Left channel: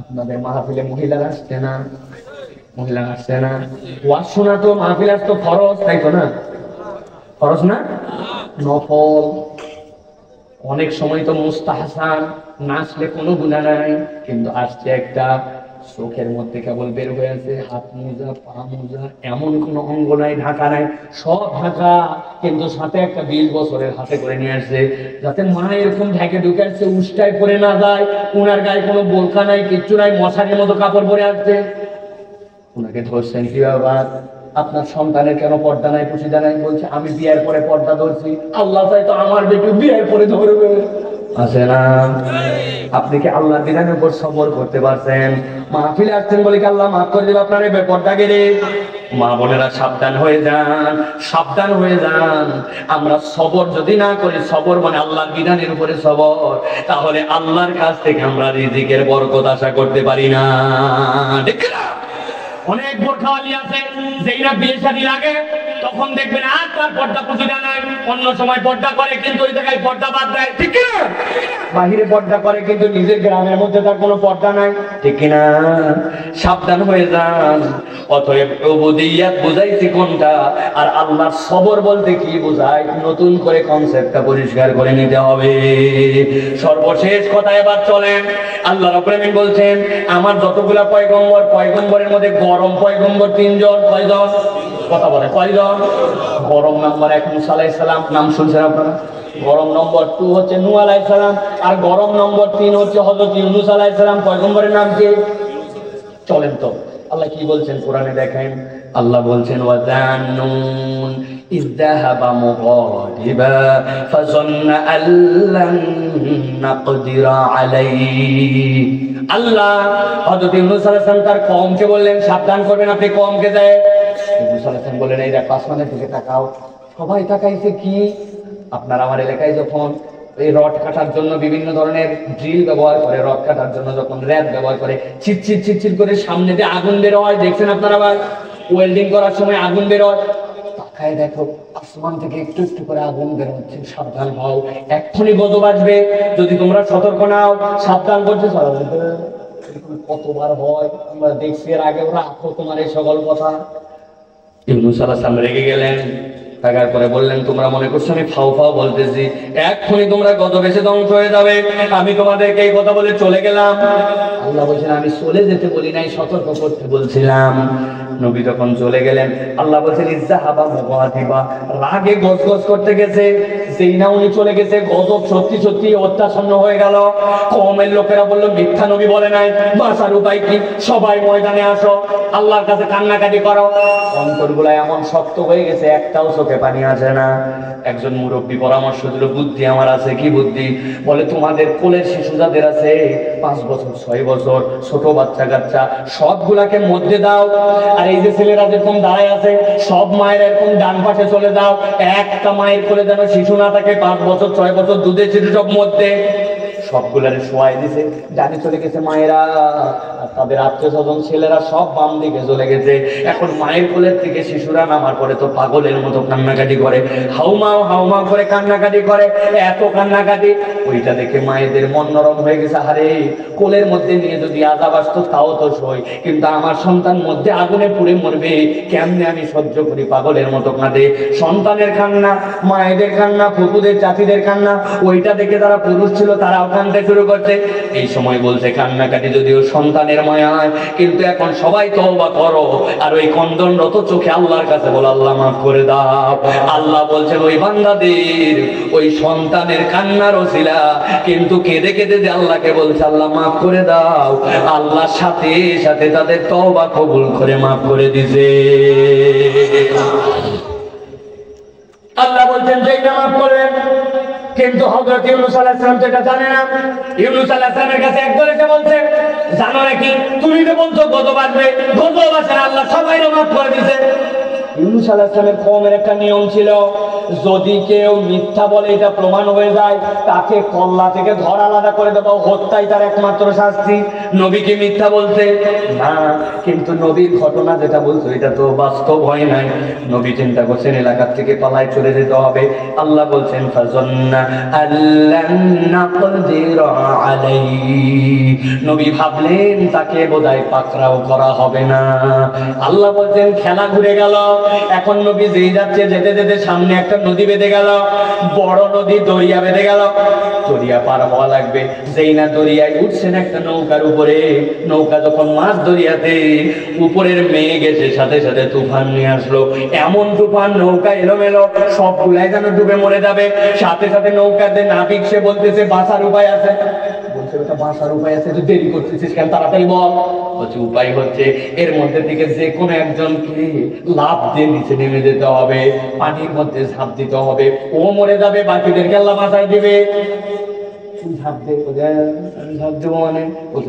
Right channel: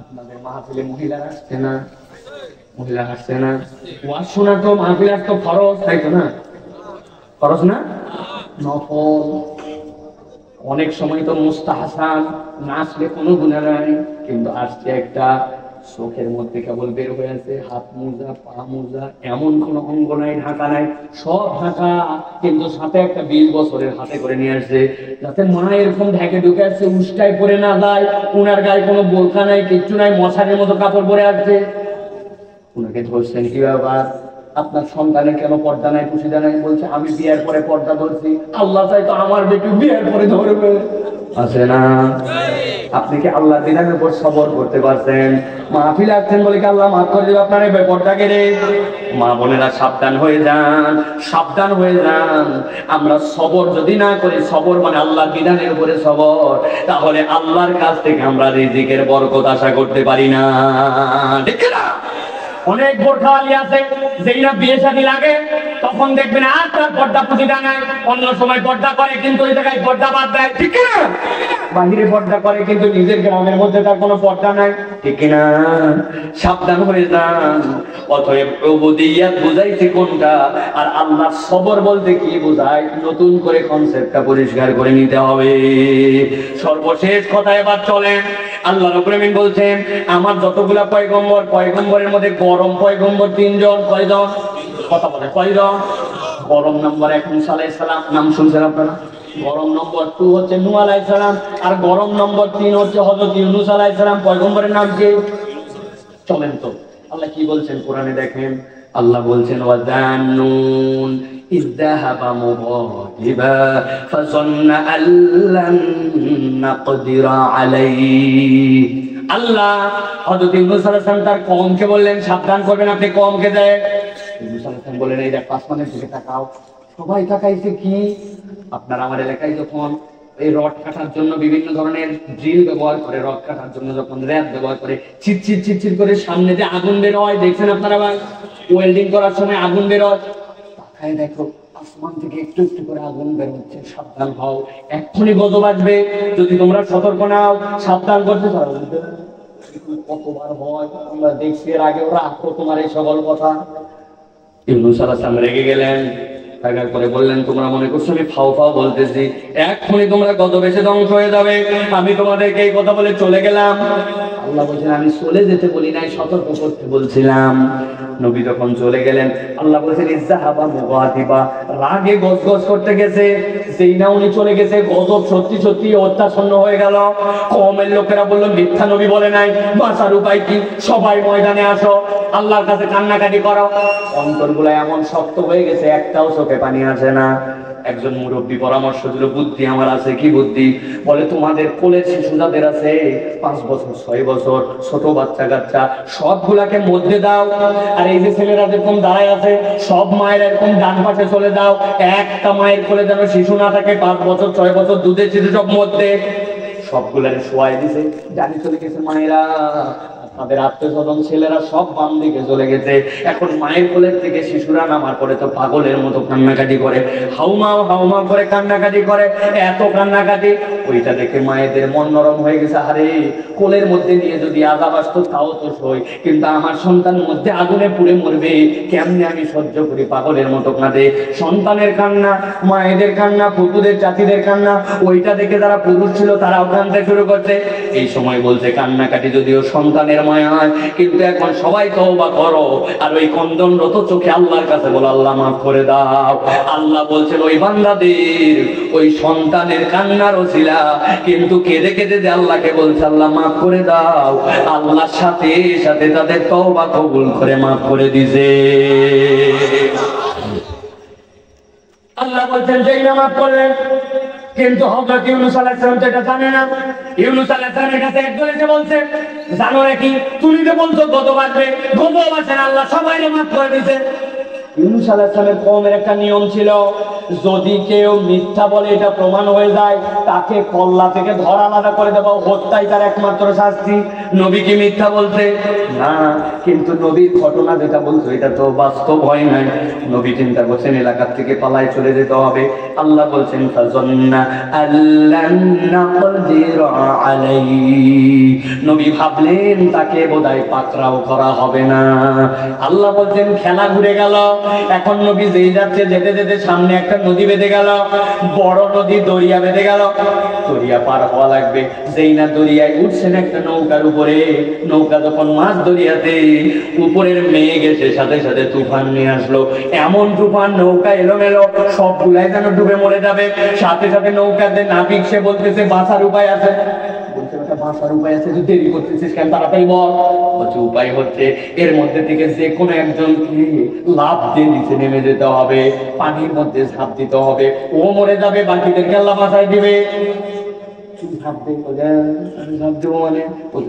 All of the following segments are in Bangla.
আপনাদের মাহফিলে মহিলারা আসছে না? মহিলা আসছে না? ওয়াজ শোনা তো মাহফিলের তো ফরজ, তাই তো না? ফরজ না, নফল। অনেক সময় তো মুস্তাহাসান, না আসলে কোনো গুনাহ নাই, কিন্তু আসছে একটা, চোখের মধ্যে কেবল বের হয়েছে, হাত মোজা পা মোজা, এমন কোন অঙ্গ নাই ঢাকা নাই, সব ঢাকা, কিন্তু সাথে একটা 20 বছরের হাতে করে নিয়ে আসছে, যাতে মা এরকম ঢেকে ঢুকে আসছে, উষ্টায় পরে না যায়, উনার গায়ে কোনো বোলকা নাই, কিচ্ছু নাই, মশারির মতো কাপড় পরে আসছে। উনাকে ধরছেন কি বাবা, আপনার সন্তানের কেন পর্দা নাই, পুশিদা নাই? বলছে আমি বিয়ের পরে পর্দা ধরছি, আল্লাহ চাই তো আমার বেটি বিয়ের পরে ধরবে। আছে না? আপনি কি আল্লাহর বিধানের উপর সবর করতে পারছেন? মাহফিলে আসছেন বলে কি আল্লাহ মাফ করে দেবে আপনার এই বেপরদাকে রে? মা বোনেরা সাবধান হয়ে যান, সাবধান হয়ে যান। আমরা সবর যদি না করি, সবর মানে আল্লাহর বিধানের উপরে সবর, তাহলে আল্লাহর কাছ থেকে আমরা রিজিকের বরকত আশা করতে পারি না। ঠিক না? অনেক বোরখাওয়ালি আছে, যেই না বিয়ে শাদী লাগে তখন দেখবেন আর তার পর্দা পুঁজিটা নাই, অন্য সময় পর্দা করে কিন্তু ওই জায়গায় পর্দা বাদ দেয়। ঠিক না? বাহিরে পর্দা করে কিন্তু নিজের গ্রামের মধ্যে তার কোনো পর্দা নাই। ঠিক না? সাবধান হয়ে যান। অতএব উবুদিয়্যাত বুঝাইছে কোনটা, আর আল্লাহর সবর বলতে কি বোঝায়, নতুন করে কনসেপ্টটা পরিষ্কার করে নিতে হবে। সর্বশেষ কথা এবার চলেন, আল্লাহ রাব্বুল আলামিন বলছেন আমার যতগুলা পয়গম্বর, পয়গম্বরের মধ্যে গরম পয়গম্বর 3 জন। কয়জন? কথা বলে কয়জন? গরম নম্বর 1 মুসা আলাইহিস সালাম, নাম শুনছেন আপনারা? গরম নম্বর 2 হচ্ছে নূহ আলাইহিস সালাম, আর গরম নম্বর 3 হচ্ছে হযরত ইউনূস আলাইহিস সালাম। পয়গম্বরের নাম কি? চলেন তো আল্লাহ কি বলছেন কোরআনে দেখেন। আল্লাহ বলছেন ওয়াজান্নুন ইযযাহাবা মুগাদিবা ফাযান্না আল্লান নাকদিরা আলাইহি। আল্লাহ হযরত ইউনূস আলাইহিস সালাম তার কওমকে বললেন সাবধান করবেন আপনি কওমকে। দেয় ইউনূস আলাইহিস সালাম বললেন এই দেখো আসমানের দিকে তাকাও। সবাই তাকাইছে কি? আপনার আমার এলাকায় যখন এই রড কাটার জন্য বিভিন্ন ধরনের ড্রিল ব্যবহার করে, রড কাটার জন্য যখন র‍্যাপ ব্যবহার করে, চিটচিট চিটচিট করে সামনে দিয়ে আগুন বের হয়, দেখছেন আপনারা? ভাই ওয়েল্ডিং করার সময় আগুন বের হয়, তাকায় দেখো আসমান থেকে একটু একটু করে আগুন বের হচ্ছে। সাবধান হও, এক্ষুনি গজব আসবে, যদি তোমরা সতর্ক নাও। সাবধান করছে কতবার হয় আমরা দেখছি এর আগে, ওরা তোমার এই সকল কথা। ইউনূস আলাইহিস সালাম রেগে গেলেন, টাকার পরে বললেন তোমরা মনে করছো আমি ফাও ফাও বলতেছি, এক্ষুনি তোমরা গজব এসে ধ্বংস হয়ে যাবে, আমি তোমাদেরকে এই কথা বলে চলে গেলাম। আল্লাহ বলছেন আমি চলে যেতে বলি নাই, সতর্ক করতে বলছিলাম। নবী যখন চলে গেলেন আল্লাহ বলছেন ইযযাহাবা মুগাদিবা, রাগে গজগজ করতে গেছে, সেই না উনি চলে গেছে, গজব সত্যি সত্যি অত্যাচ্ছন্ন হয়ে গেল। কওমের লোকেরা বলল মিথ্যা নবী বলে নাই, বাঁচার উপায় কি? সবাই ময়দানে আসো, আল্লাহর কাছে কান্নাকাটি করো। অন্তরগুলো এমন শক্ত হয়ে গেছে, একটাও চোখে পানি আসে না। একজন মুরব্বী পরামর্শ দিল, বুদ্ধি আমার আছে। কি বুদ্ধি? বলে তোমাদের কোলের শিশু যাদের আছে 5 বছর 6 বছর ছোট বাচ্চা কাচ্চা, সবগুলাকে মধ্যে দাও, আর এই যে ছেলেরা যেরকম দাঁড়ায় আছে সব মায়ের এরকম ডান পাশে চলে দাও, একটা মায়ের কোলে যেন শিশু না থাকে, 5 বছর 6 বছর দুধের শিশু সব মধ্যে। সবগুলারে শোয়াই দিছে, ডানে চলে গেছে মায়েরা, তাদের আত্মীয় স্বজন ছেলেরা সব বাম দিকে চলে গেছে। এখন মায়ের কোলের থেকে শিশুরা নামার পরে তো পাগলের মতো কান্নাকাটি করে, হাউমাও হাউমাও করে কান্নাকাটি করে, এত কান্নাকাটি। ওইটা দেখে মায়েদের মন নরম হয়ে গেছে, আরে কোলের মধ্যে নিয়ে যদি আজাব আসতো তাও তো সই, কিন্তু আমার সন্তান মধ্যে আগুনে পুড়ে মরবে, কেমনে আমি সহ্য করি? পাগলের মতো কাঁদে। সন্তানের কান্না, মায়েদের কান্না, ফুপুদের চাচিদের কান্না, ওইটা দেখে যারা পুরুষ ছিল তারাও কাঁদতে শুরু করছে। এই সময় বলছে কান্নাকাটি যদিও সন্তানের মায়া হয়, কিন্তু এখন সবাই তওবা করো, আর ওই কন্দনরত চোখে আল্লাহর কাছে বলো আল্লাহ মাফ করে দাও। আল্লাহ বলছে ওই বান্দাদের ওই সন্তানের কান্নার ওসিলা কিন্তু কেঁদে কেঁদে যে আল্লাহকে বলছে আল্লাহ মাফ করে দাও, আল্লাহর সাথে সাথে তাদের তওবা কবুল করে মাফ করে দিয়েছে। আল্লাহ বলছেন যেই মাফ করলেন, কিন্তু হযরত ইউনূস আলাইহিস সালাম তো এটা জানে না। ইউনূস আলাইহিস সালামের কাছে একবার এসে বলছে জানো নাকি তুমি তো বলছো গজব আসবে, গজব আসে, আল্লাহ সবাইকে মাফ করে দিয়েছে। ইউনূস আলাইহিস সালামের কওমের একটা নিয়ম ছিল, যদি কেউ মিথ্যা বলে এটা প্রমাণ হয়ে যায়, তাকে কল্লা থেকে ধরা আলাদা করে দেবো, হত্যাই তার একমাত্র শাস্তি। নবী কি মিথ্যা বলতে না, কিন্তু নবীর ঘটনা যেটা বলছো এটা তো বাস্তব হয় নাই। নবী চিন্তা করছেন এলাকার থেকে পালায় চলে যেতে হবে। আল্লাহ বলছেন ফাযান্না আল্লান নাকদির আলাইহি, নবী ভাবলেন তাকে বোধহয় পাকড়াও করা হবে না। আল্লাহ বলছেন খেলা ঘুরে গেল। এখন নবী যেই যাচ্ছে, যেতে যেতে সামনে একটা নদী বেঁধে গেল, বড় নদী, দরিয়া বেঁধে গেল। দরিয়া পার হওয়া লাগবে, যেই না দরিয়ায় উঠছেন একটা নৌকার উপরে। নৌকা যখন মাছ দরিয়াতে, উপরের মেঘ এসে সাথে সাথে তুফান নিয়ে আসলো। এমন তুফান, নৌকা এলোমেলো, সবগুলাই যেন ডুবে মরে যাবে। সাথে সাথে নৌকাতে নাবিক সে বলতেছে বাঁচার উপায় আছে। বাঁচার উপায় আছে, তুই দেরি করতেছিস কেন, তাড়াতাড়ি বল। বলছে উপায় হচ্ছে এর মধ্যে থেকে যে কোনো একজনকে লাফ দিয়ে নিচে নেমে যেতে হবে, পানির মধ্যে ঝাঁপ দিতে হবে। ও মরে যাবে, বাকিদেরকে আল্লাহ বাঁচায় দিবে।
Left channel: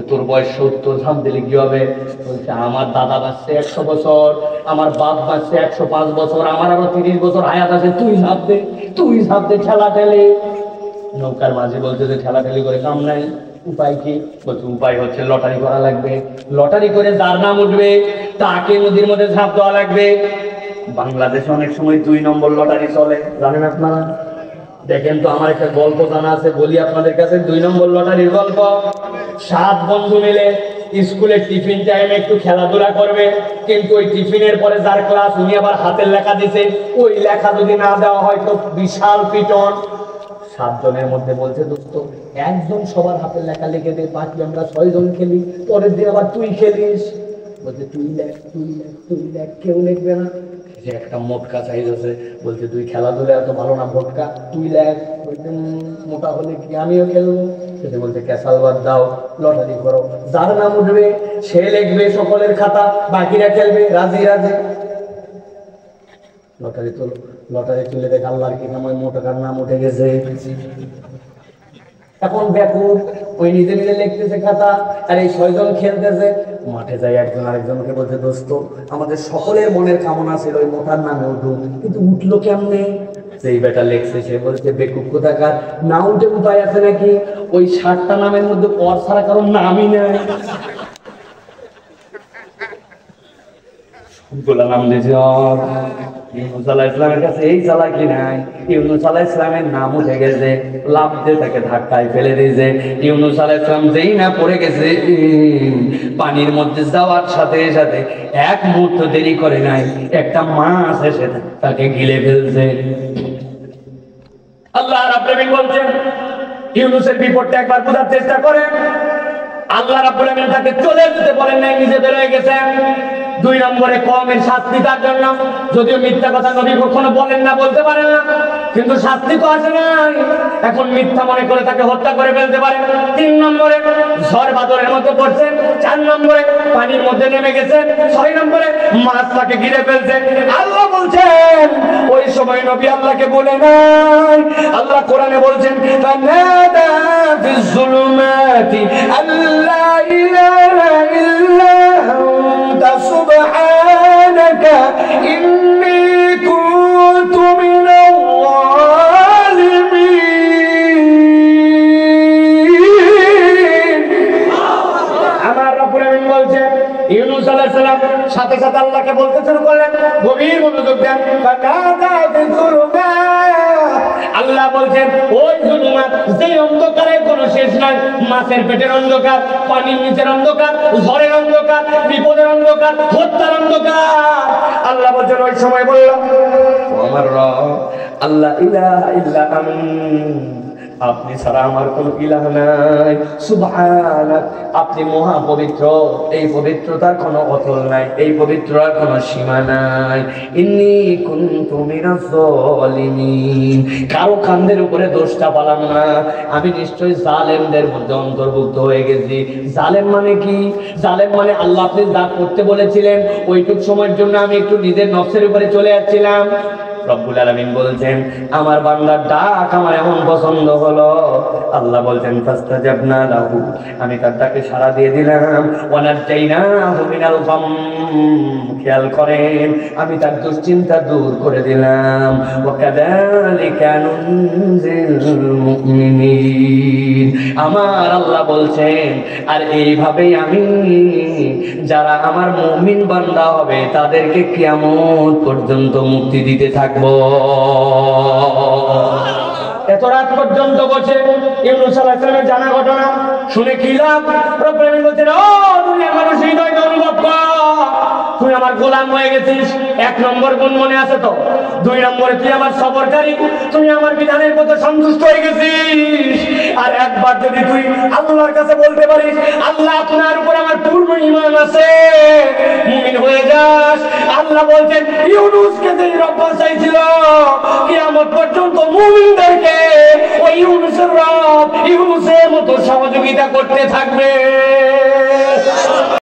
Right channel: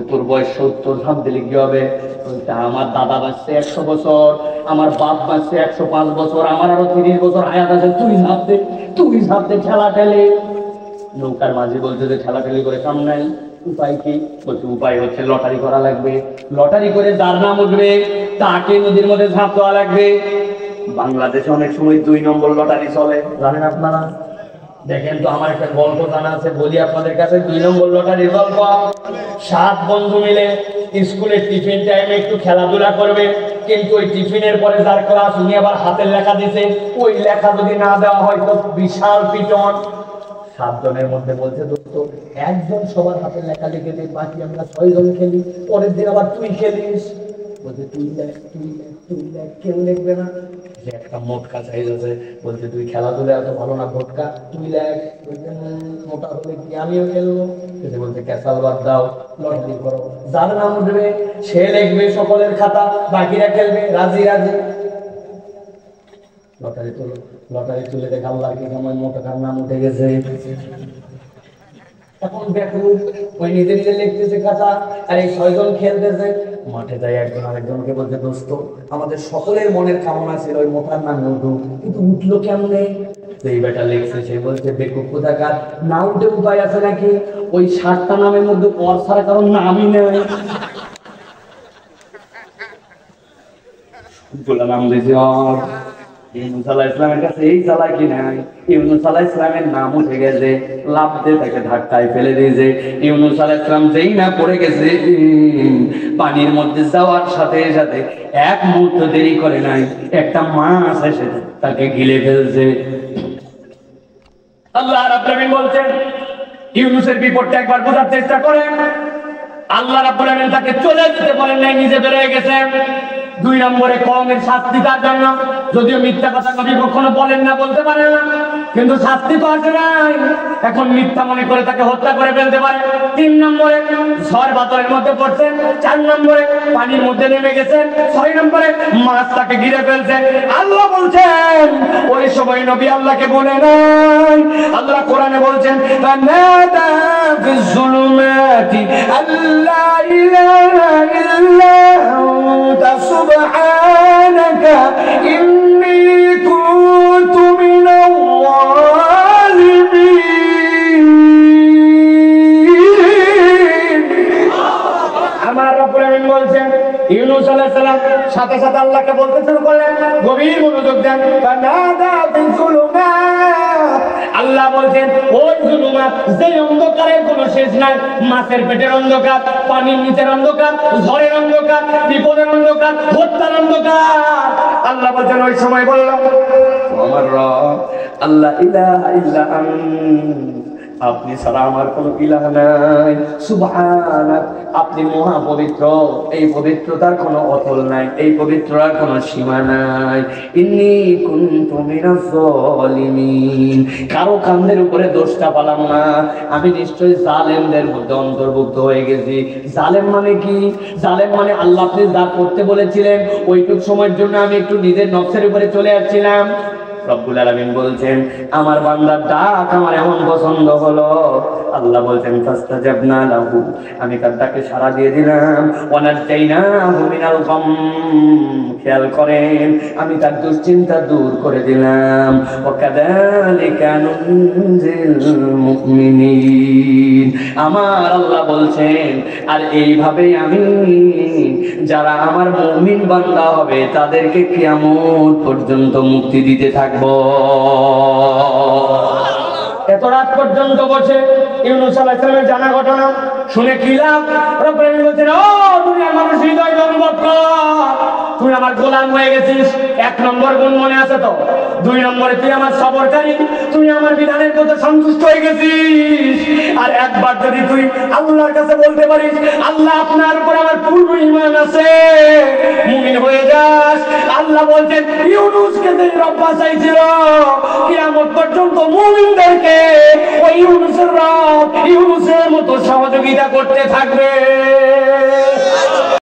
তোর বয়স 70, ঝাঁপ দিলে কি হবে? বলছে আমার দাদা বাঁচছে 100 বছর, আমার বাপ বাঁচছে 105 বছর, আমার আরো 30 বছর হায়াত আছে, তুই ঝাঁপ দে, তুই ঝাঁপ দে, ঠেলা ঠেলে। নৌকার মাঝি বলতে যে ঠেলা ঠেলি করে কাম নাই, উপায় কি? বলছে উপায় হচ্ছে লটারি করা লাগবে। লটারি করে যার নাম উঠবে তাকে নদীর মধ্যে ঝাঁপ দেওয়া লাগবে। বাংলাদেশে অনেক সময় 2 নম্বর লটারি চলে, জানেন আপনারা? দেখেন তো, আমার একটা গল্প জানা আছে, বলি আপনাদের কাছে। 2 নম্বর লটারির গল্প। 7 বন্ধু মিলে স্কুলের টিফিন টাইমে একটু খেলাধুলা করবে, কিন্তু ওই টিফিনের পরে যার ক্লাস, উনি আবার হাতের লেখা দিছে, ওই লেখা যদি না দেওয়া হয় তো বিশাল পিটন। 7 জনের মধ্যে বলছে দোস্ত একজন সবার হাতের লেখা লিখে দে, বাকি আমরা 6 জন খেলি, পরের দিন আবার তুই খেলিস। বলছে তুই লেখ, তুই লেখ, তুই লেখ, কেউ লিখবে না। যে একটা মোটকা সাইজ আছে, বলছে তুই খেলাধুলা এত ভালো না, ভোটকা তুই লেখ। বলছে মোটা হলে কি আমিও খেলবো? সেটা বলছে ক্যাসাল বাদ দাও, লটারি করো, যার নাম উঠবে সে লিখবে সকলের খাতা, বাকিরা খেলবে। রাজি রাজি। লটারি তুলো, লটারি তুলে দেখ আল্লাহর কি নাম, ওই মোটকার নাম উঠে গেছে। এখন বেকুব, ওই নিজে নিজে লিখতেছে খাতা, আর এই 6 জন খেলতেছে। মাঠে যাই একজন আরেকজনকে বলছে দোস্ত আমাদের সকলের মনের কামনা ছিল ওই মোটার নামে উঠুক, কিন্তু উঠলো কেমনে? যেই বেটা লেখছে সে বলছে বেকুব কোথাকার, না উঠে উপায় আছে নাকি? ওই 60টা নামের মধ্যে পর ছাড়া কারণ নামই নেই। গোলা নাম দিয়েছে ইউনূস আলাইহিস সালামের কাছে এই চালাকি নাই। ইউনূস আলাইহিস সালামের নাম উঠে গেছে, লাফ দিয়ে তাকে ধাক্কায় ফেলে দিয়েছে। ইউনূস আলাইহিস সালাম যেই না পড়ে গেছে পানির মধ্যে যাওয়ার সাথে সাথে 1 মুহূর্ত দেরি করে নাই, একটা মাছ এসে তাকে গিলে ফেলছে। আল্লাহ রাব্বুল আলামিন বলছেন ইউনূসের বিপদটা একবার বোঝার চেষ্টা করে। আল্লাহ রাব্বুল আলামিন তাকে চলে যেতে বলেন নাই, নিজে বের হয়ে গেছে। 2 নম্বরে কওমের শাস্তি তার জন্য, যদিও মিথ্যা কথা নবী কখনো বলেন না, বলতে পারে না, কিন্তু শাস্তি তো আসে নাই। এখন মিথ্যা মনে করে তাকে হত্যা করে ফেলতে পারে। 3 নম্বরে ঝড় বাদলের মধ্যে পড়ছে। 4 নম্বরে পানির মধ্যে নেমে গেছে। 6 নম্বরে মাছ তাকে ঘিরে ফেলছে। আল্লাহ বলছেন ওই সময় নবী আল্লাহকে বলে নাই। আল্লাহ কোরআনে বলছেন তানাদা ফিজ যুলুমাতি আল্লা ইলাহা ইল্লা আনতা সুবহানাকা ইন্নী কুনতু মিনাল যালিমিন। আমার রব্বুল আলামিন বলছেন ইউনূস আলাইহিস সালাম সাথে সাথে আল্লাহকে বলতে শুরু করলেন, গভীর মনোযোগ দেন। তানাদা ফিজ যুলুমাত, আল্লাহ বলছেন ওই যুলুমাত, যে অন্ধকারের কোনো শেষ নাই। মাছের পেটের অন্ধকার, পানির নিচের অন্ধকার, ঝড়ের অন্ধকার, বিপদের অন্ধকার, হত্যার অন্ধকার। আল্লাহ বলছেন ওই সময় বললাম আমার রব আল্লাহ ইলাহা ইল্লা আপনি ছাড়া আমার কোনো ইলাহ নাই। সুবহানাক, আপনি মহা পবিত্র, এই পবিত্রতার কোনো অতল নাই, এই পবিত্রতার কোনো সীমা নাই। ইন্নী কুনতু মিনাজ যালিমিন, কারো কান্দের উপরে দোষটা পালাম না, আমি নিশ্চয়ই জালেমদের মধ্যে অন্তর্ভুক্ত হয়ে গেছি। জালেম মানে কি? জালেম মানে আল্লাহ আপনি যা করতে বলেছিলেন ওইটুক সময়ের জন্য আমি একটু নিজের নফসের উপরে চলে আসছিলাম, রব্বুল আলামিন বলছেন আমার বান্দার ডাক আমার এমন পছন্দ হলো, আল্লাহ বলছেন ফাস্তাজাবনা লাহু, আমি তার ডাকে সাড়া দিয়ে দিলাম, ওয়া নাজাইনাহু মিনাল গাম, খেয়াল করেন আমি তার দুশ্চিন্তা দূর করে দিলাম। ওয়া কাযালিকা নুনজিল মুমিনিন, আমার আল্লাহ বলছেন আর এইভাবেই আমি যারা আমার মুমিন বান্দা হবে তাদেরকে কিয়ামত পর্যন্ত মুক্তি দিতে থাকবো। এত রাত পর্যন্ত বসে ইউনূস আলাইহিস সালামের জানা ঘটনা শুনে কি লাভ? রব্বুল আলামিন বলেন, ও দুনিয়ার মানুষ হৃদয় অনুভব কর, তুই আমার গোলাম হয়ে গেছিস। এক নম্বর গুণ মনে আছে তো? দুই নম্বরে তুই আমার সবরকারী, তুই আমার বিধানের মতো সন্তুষ্ট হয়ে গেছিস। আর একবার যদি তুই আল্লাহর কাছে বলতে পারিস আল্লাহ আপনার উপর আমার পূর্ণ ঈমান আছে, মুমিন হয়ে যাস। আল্লাহ বলছেন ইউনূসকে যে রব বাঁচাইছিল কিয়ামত পর্যন্ত মুমিনদেরকে ওই ইউনূসের রব ইউনূসের মতো সহযোগিতা করতে থাকবে।